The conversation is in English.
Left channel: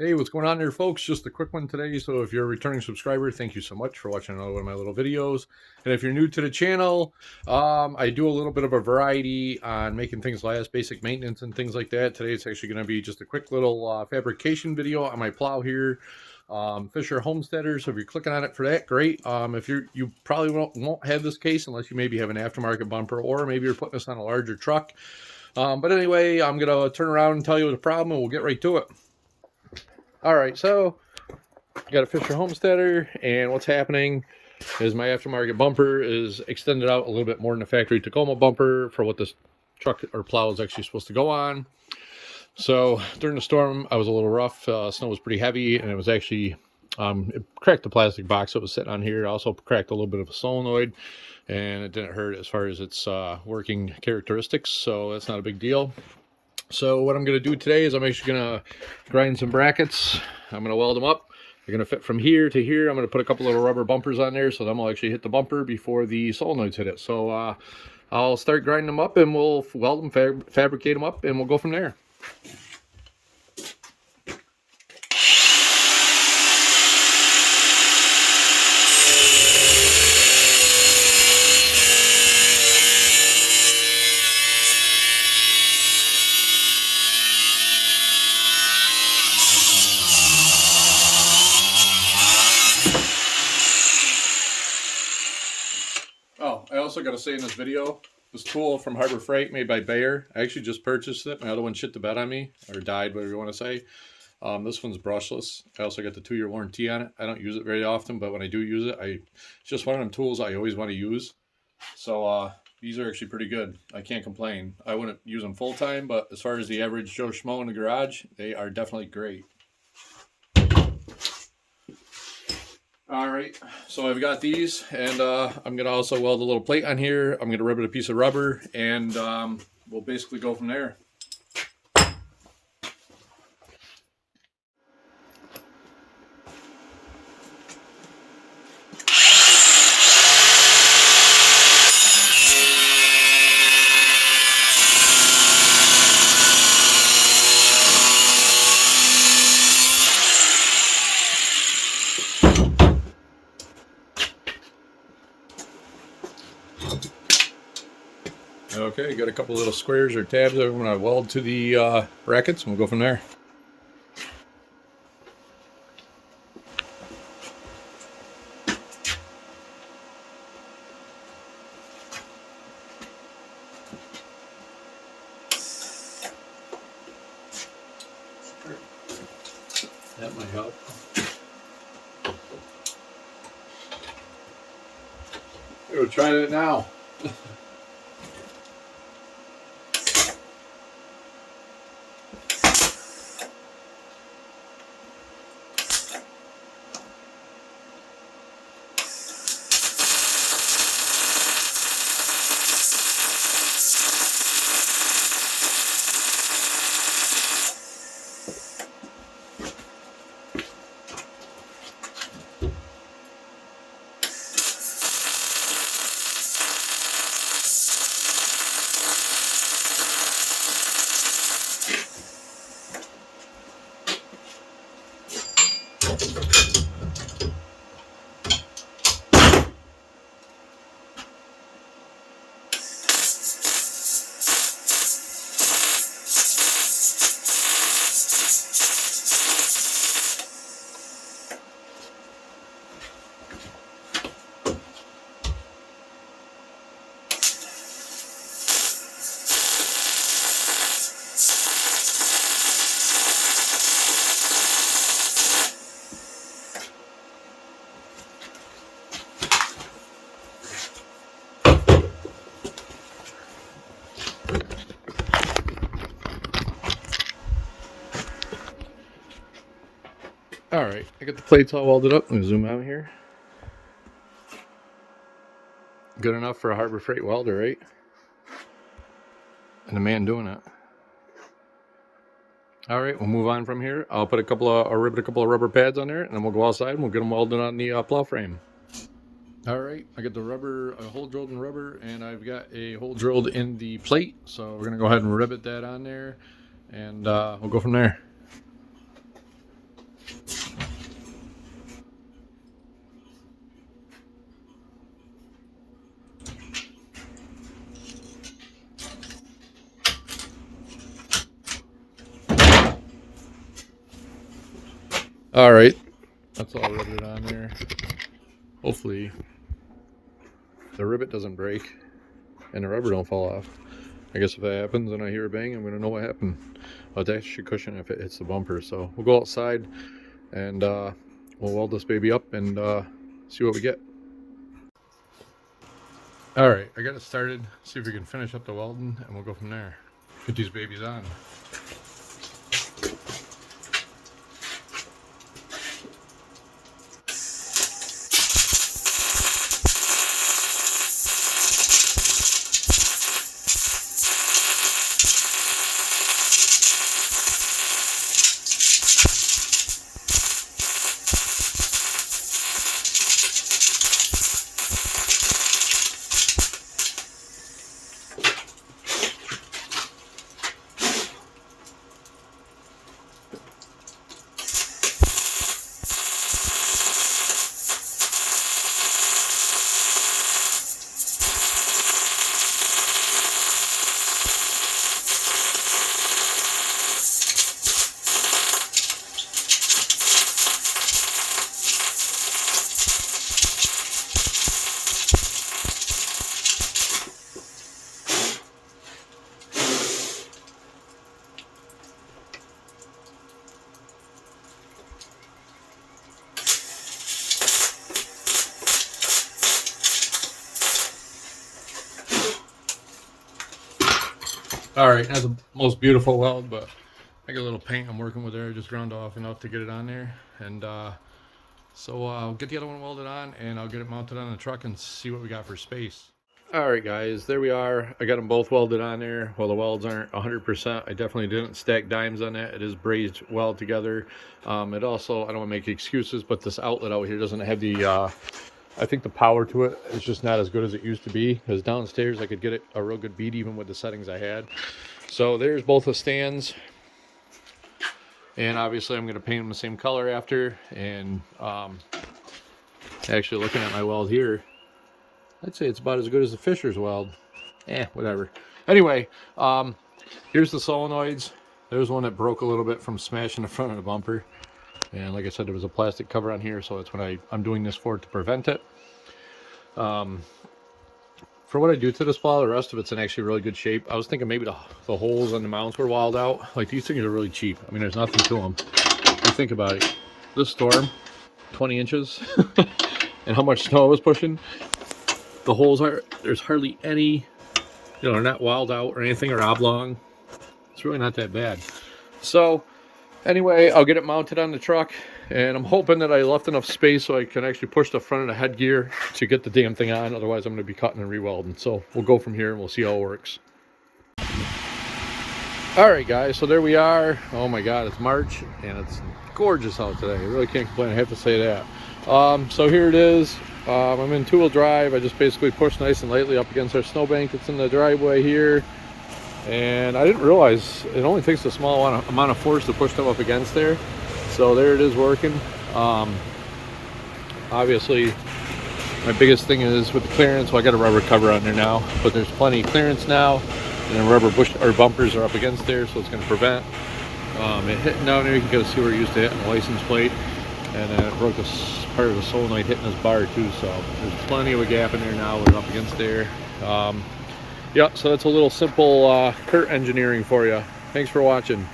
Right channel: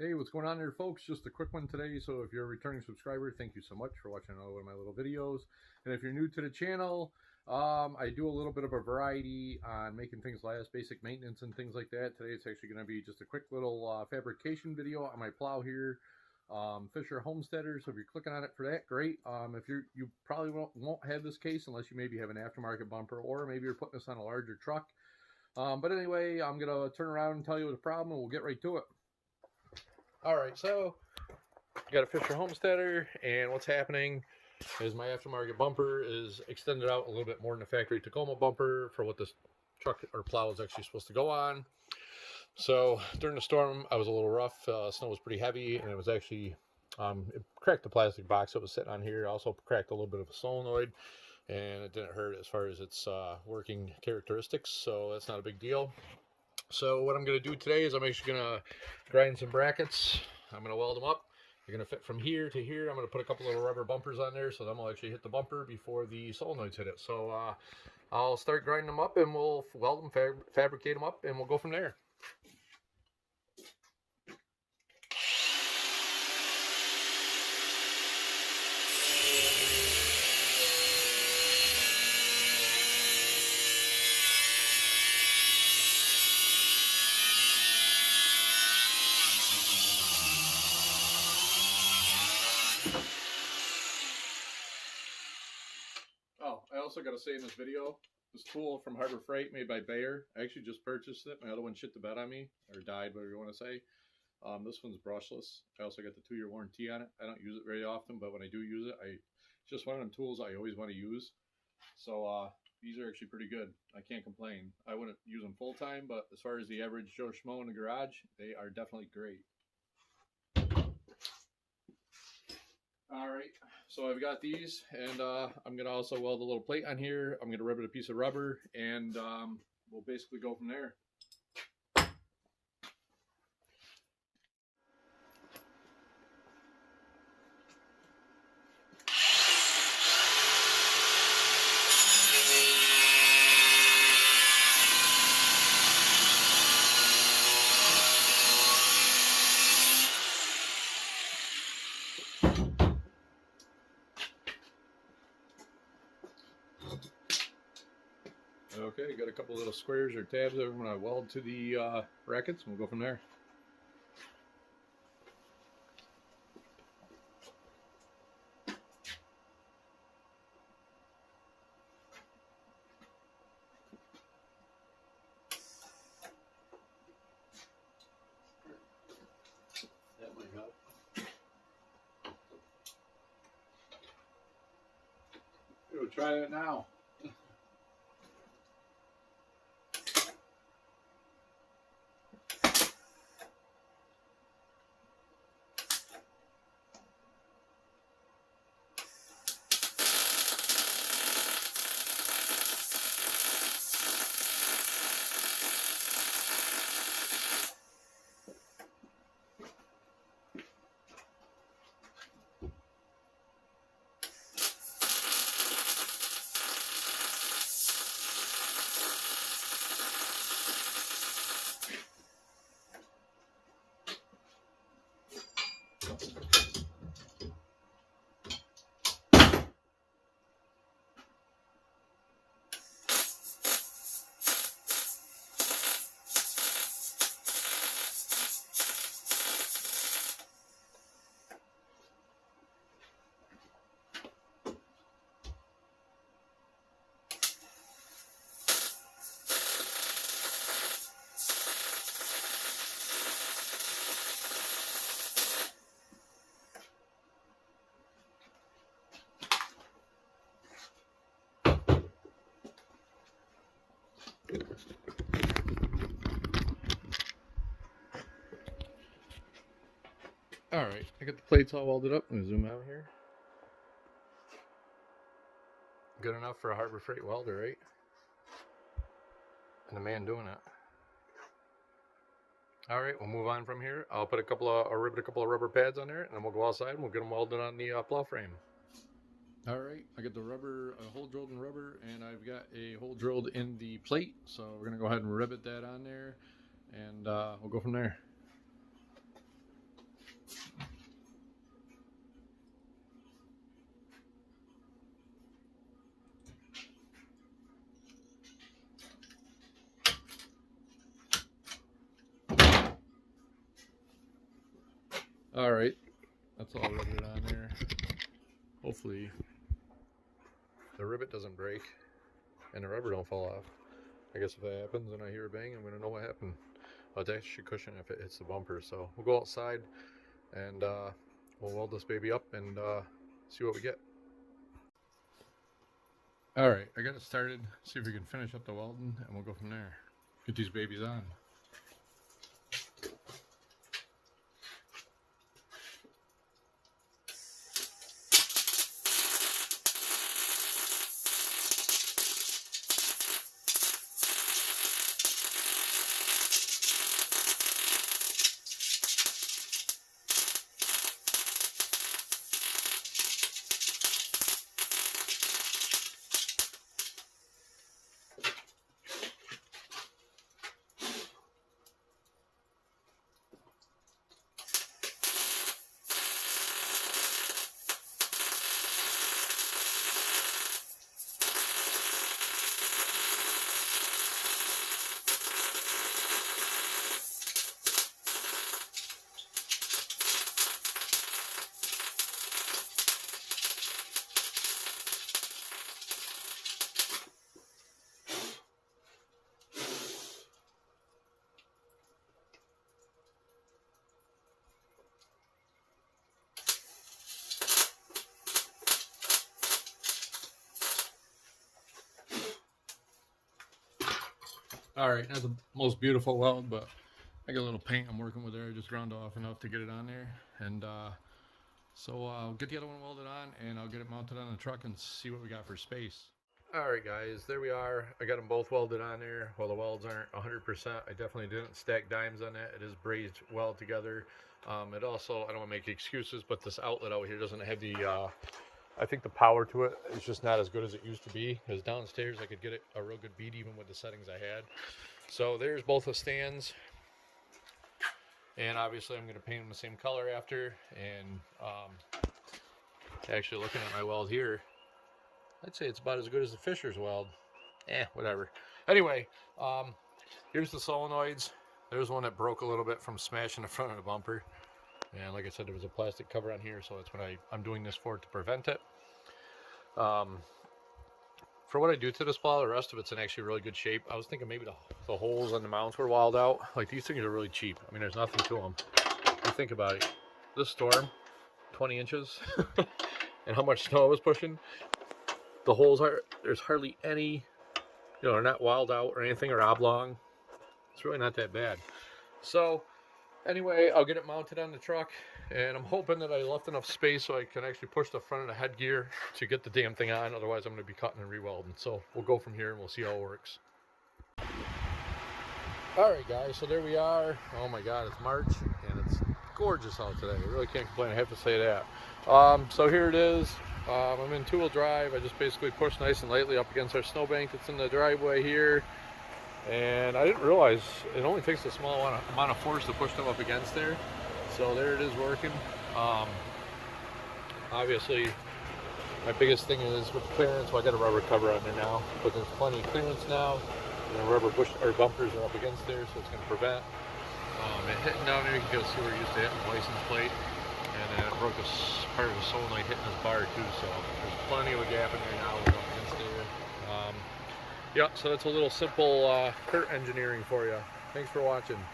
Hey, what's going on there, folks? Just a quick one today. So if you're a returning subscriber, thank you so much for watching another one of my little videos. And if you're new to the channel, I do a little bit of a variety on making things last, basic maintenance and things like that. Today it's actually going to be just a quick little fabrication video on my plow here. Fisher Homesteader. So if you're clicking on it for that, great. If you probably won't have this case unless you maybe have an aftermarket bumper, or maybe you're putting this on a larger truck. But anyway, I'm going to turn around and tell you the problem, and we'll get right to it. All right, so I got a Fisher Homesteader, and what's happening is my aftermarket bumper is extended out a little bit more than the factory Tacoma bumper for what this truck or plow is actually supposed to go on. So during the storm, I was a little rough. Snow was pretty heavy, and it was actually it cracked the plastic box that was sitting on here. It also cracked a little bit of a solenoid, and it didn't hurt as far as its working characteristics, so that's not a big deal. So what I'm going to do today is I'm actually going to grind some brackets. I'm going to weld them up. They're going to fit from here to here. I'm going to put a couple little rubber bumpers on there so them will actually hit the bumper before the solenoids hit it. So I'll start grinding them up, and we'll weld them, fabricate them up, and we'll go from there. Oh, I also got to say in this video, this tool from Harbor Freight made by Bayer, I actually just purchased it. My other one shit the bed on me, or died, whatever you want to say. This one's brushless. I also got the 2-year warranty on it. I don't use it very often, but when I do use it, it's just one of them tools I always want to use. So these are actually pretty good. I can't complain. I wouldn't use them full time, but as far as the average Joe Schmo in the garage, they are definitely great. All right, so I've got these, and I'm gonna also weld a little plate on here. I'm gonna rub it a piece of rubber, and we'll basically go from there. Okay, got a couple little squares or tabs that I'm going to weld to the brackets, and we'll go from there. That might help. We'll try that now. All right, I got the plates all welded up. Let me zoom out here. Good enough for a Harbor Freight welder, right? And the man doing it. All right, we'll move on from here. I'll rivet a couple of rubber pads on there, and then we'll go outside and we'll get them welded on the plow frame. All right, I got a hole drilled in rubber, and I've got a hole drilled in the plate. So we're gonna go ahead and rivet that on there, and we'll go from there. All right, that's all riveted on there. Hopefully the rivet doesn't break and the rubber don't fall off. I guess if that happens and I hear a bang, I'm gonna know what happened. That should cushion if it hits the bumper. So we'll go outside and we'll weld this baby up and see what we get. All right, I got it started. See if we can finish up the welding and we'll go from there. Get these babies on. All right, that's the most beautiful weld, but I got a little paint I'm working with there, just ground off enough to get it on there. And so I'll get the other one welded on and I'll get it mounted on the truck and see what we got for space. All right, guys, there we are. I got them both welded on there. Well, the welds aren't 100%. I definitely didn't stack dimes on that. It is brazed weld together. It also, I don't want to make excuses, but this outlet out here doesn't have the, I think the power to it is just not as good as it used to be. Because downstairs I could get it a real good beat even with the settings I had. So there's both the stands. And obviously I'm going to paint them the same color after. And actually looking at my weld here, I'd say it's about as good as the Fisher's weld. Whatever. Anyway, here's the solenoids. There's one that broke a little bit from smashing the front of the bumper. And like I said, there was a plastic cover on here, so that's what I'm doing this for, to prevent it. For what I do to this plow, the rest of it's in actually really good shape. I was thinking maybe the holes on the mounts were walled out. Like, these things are really cheap. I mean, there's nothing to them. You think about it. This storm, 20 inches, and how much snow it was pushing. The holes there's hardly any, you know, they're not walled out or anything or oblong. It's really not that bad. So anyway, I'll get it mounted on the truck, and I'm hoping that I left enough space so I can actually push the front of the headgear to get the damn thing on. Otherwise, I'm going to be cutting and re-welding. So we'll go from here and we'll see how it works. All right, guys, so there we are. Oh my God, it's March and it's gorgeous out today. I really can't complain, I have to say that. So here it is. I'm in two-wheel drive. I just basically pushed nice and lightly up against our snowbank that's in the driveway here. And I didn't realize it only takes a small amount of force to push them up against there. So there it is working. Obviously, my biggest thing is with the clearance. Well, I got a rubber cover on there now, but there's plenty of clearance now. And then rubber bumpers are up against there, so it's going to prevent it hitting down there. You can kind of see where it used to hit on the license plate. And then it broke part of the solenoid hitting this bar too. So there's plenty of a gap in there now. We're up against there. Yeah, so that's a little simple Kurt engineering for you. Thanks for watching.